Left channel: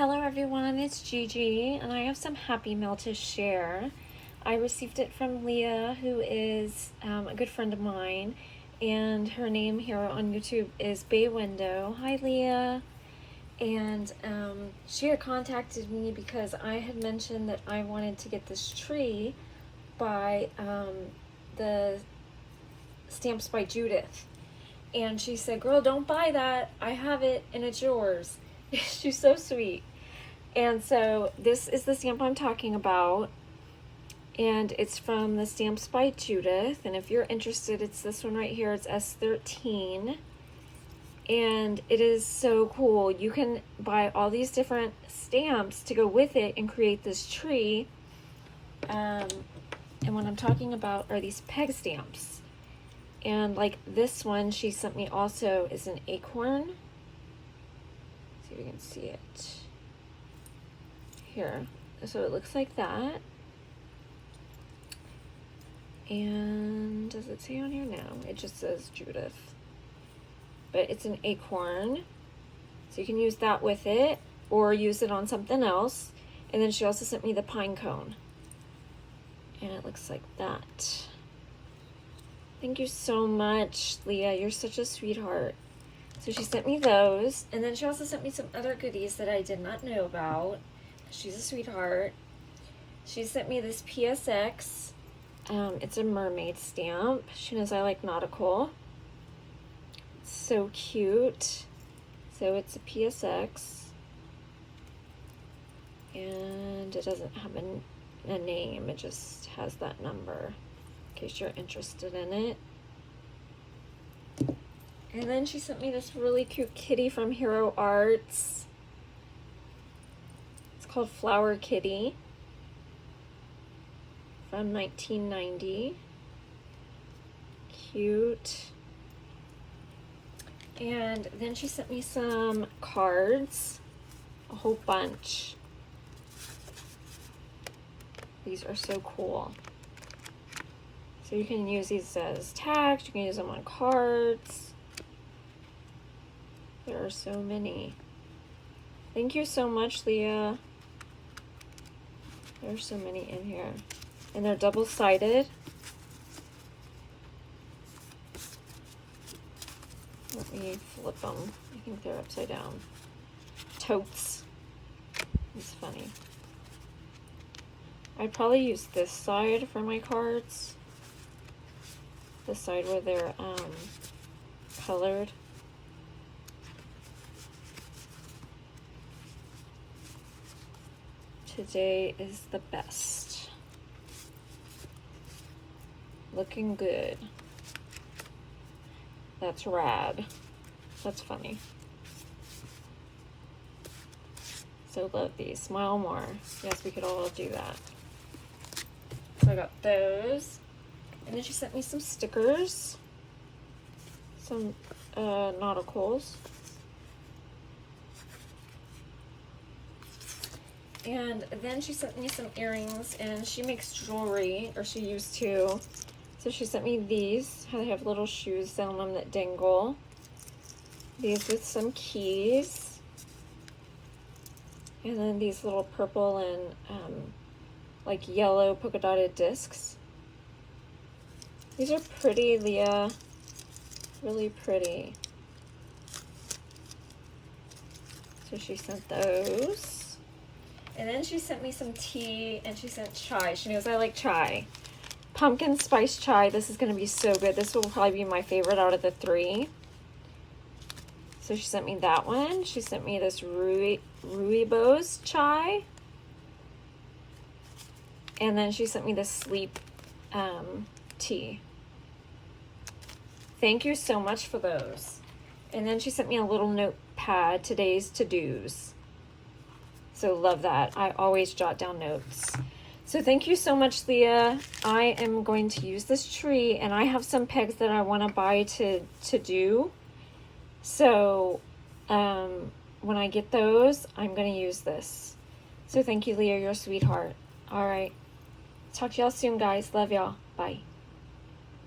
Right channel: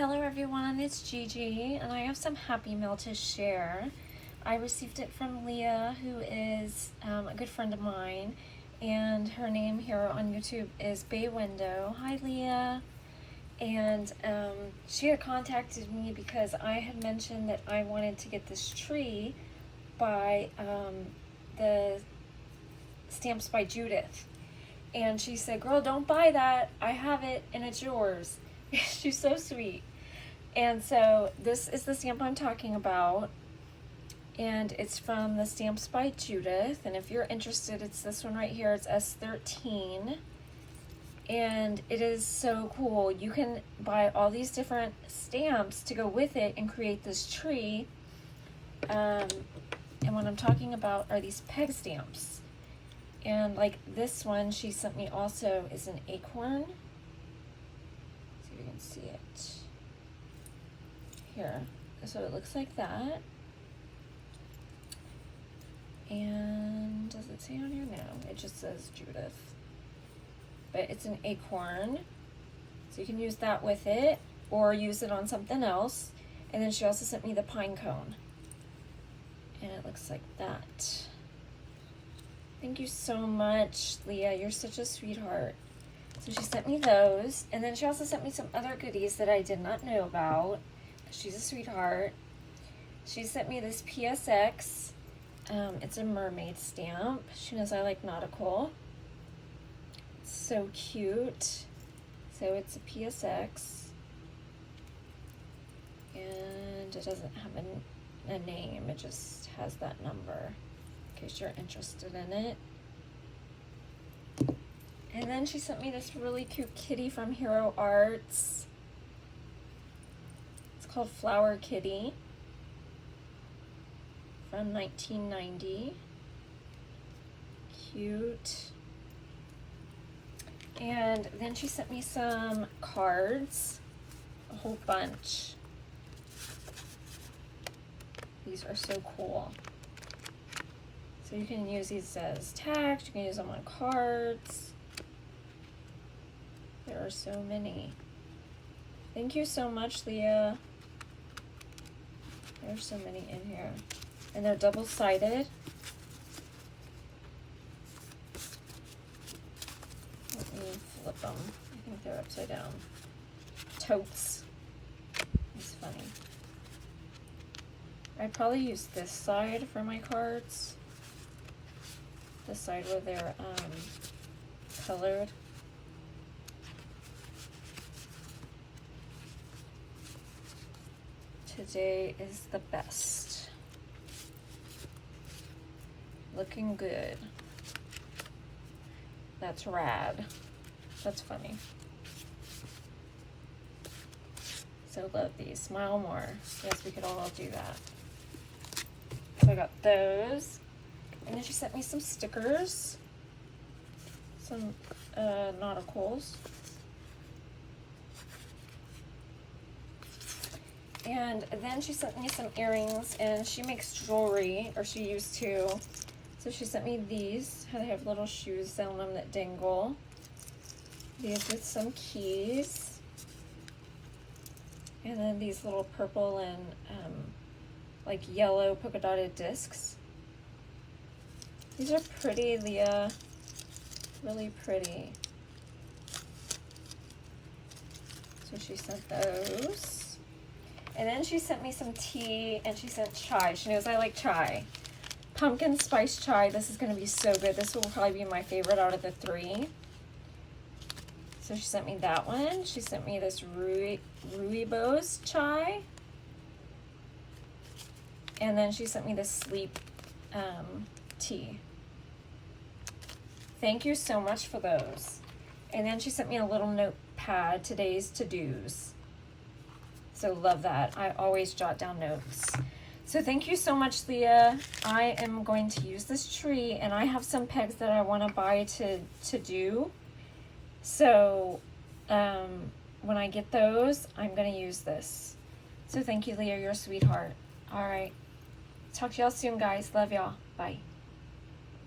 Hello everyone, it's Gigi, and I have some happy mail to share. I received it from Leah, who is a good friend of mine, and her name here on YouTube is Bay Window. Hi Leah. And she had contacted me because I had mentioned that I wanted to get this tree by the Stamps by Judith. And she said, girl, don't buy that. I have it and it's yours. She's so sweet. And so this is the stamp I'm talking about. And it's from the Stamps by Judith. And if you're interested, it's this one right here. It's S13. And it is so cool. You can buy all these different stamps to go with it and create this tree. And what I'm talking about are these peg stamps. And like this one she sent me also is an acorn. See if you can see it here. So it looks like that. And does it say on here? No, it just says Judith. But it's an acorn. So you can use that with it or use it on something else. And then she also sent me the pine cone. And it looks like that. Thank you so much, Leah. You're such a sweetheart. So she sent me those. And then she also sent me some other goodies that I did not know about. She's a sweetheart. She sent me this PSX. It's a mermaid stamp. She knows I like nautical. It's so cute. So it's a PSX. And it doesn't have a name. It just has that number. In case you're interested in it. And then she sent me this really cute kitty from Hero Arts. It's called Flower Kitty from 1990. Cute. And then she sent me some cards, a whole bunch. These are so cool. So you can use these as tags, you can use them on cards. There are so many. Thank you so much, Leah. There's so many in here. And they're double-sided. Let me flip them. I think they're upside down. Totes. It's funny. I'd probably use this side for my cards. The side where they're colored. Today is the best. Looking good. That's rad. That's funny. So love these. Smile more. Yes, we could all do that. So I got those. And then she sent me some stickers, some nauticals, and then she sent me some earrings, and she makes jewelry, or she used to, so she sent me these. They have little shoes on them that dangle. These with some keys, and then these little purple and like yellow polka dotted discs. These are pretty, Leah. Really pretty. So she sent those. And then she sent me some tea and she sent chai. She knows I like chai. Pumpkin spice chai. This is going to be so good. This will probably be my favorite out of the three. So she sent me that one. She sent me this rooibos chai. And then she sent me this sleep tea. Thank you so much for those. And then she sent me a little notepad, today's to-dos. So love that. I always jot down notes. So thank you so much, Leah. I am going to use this tree, and I have some pegs that I want to buy to do. So when I get those, I'm going to use this. So thank you, Leah. You're a sweetheart. All right. Talk to y'all soon, guys. Love y'all. Bye.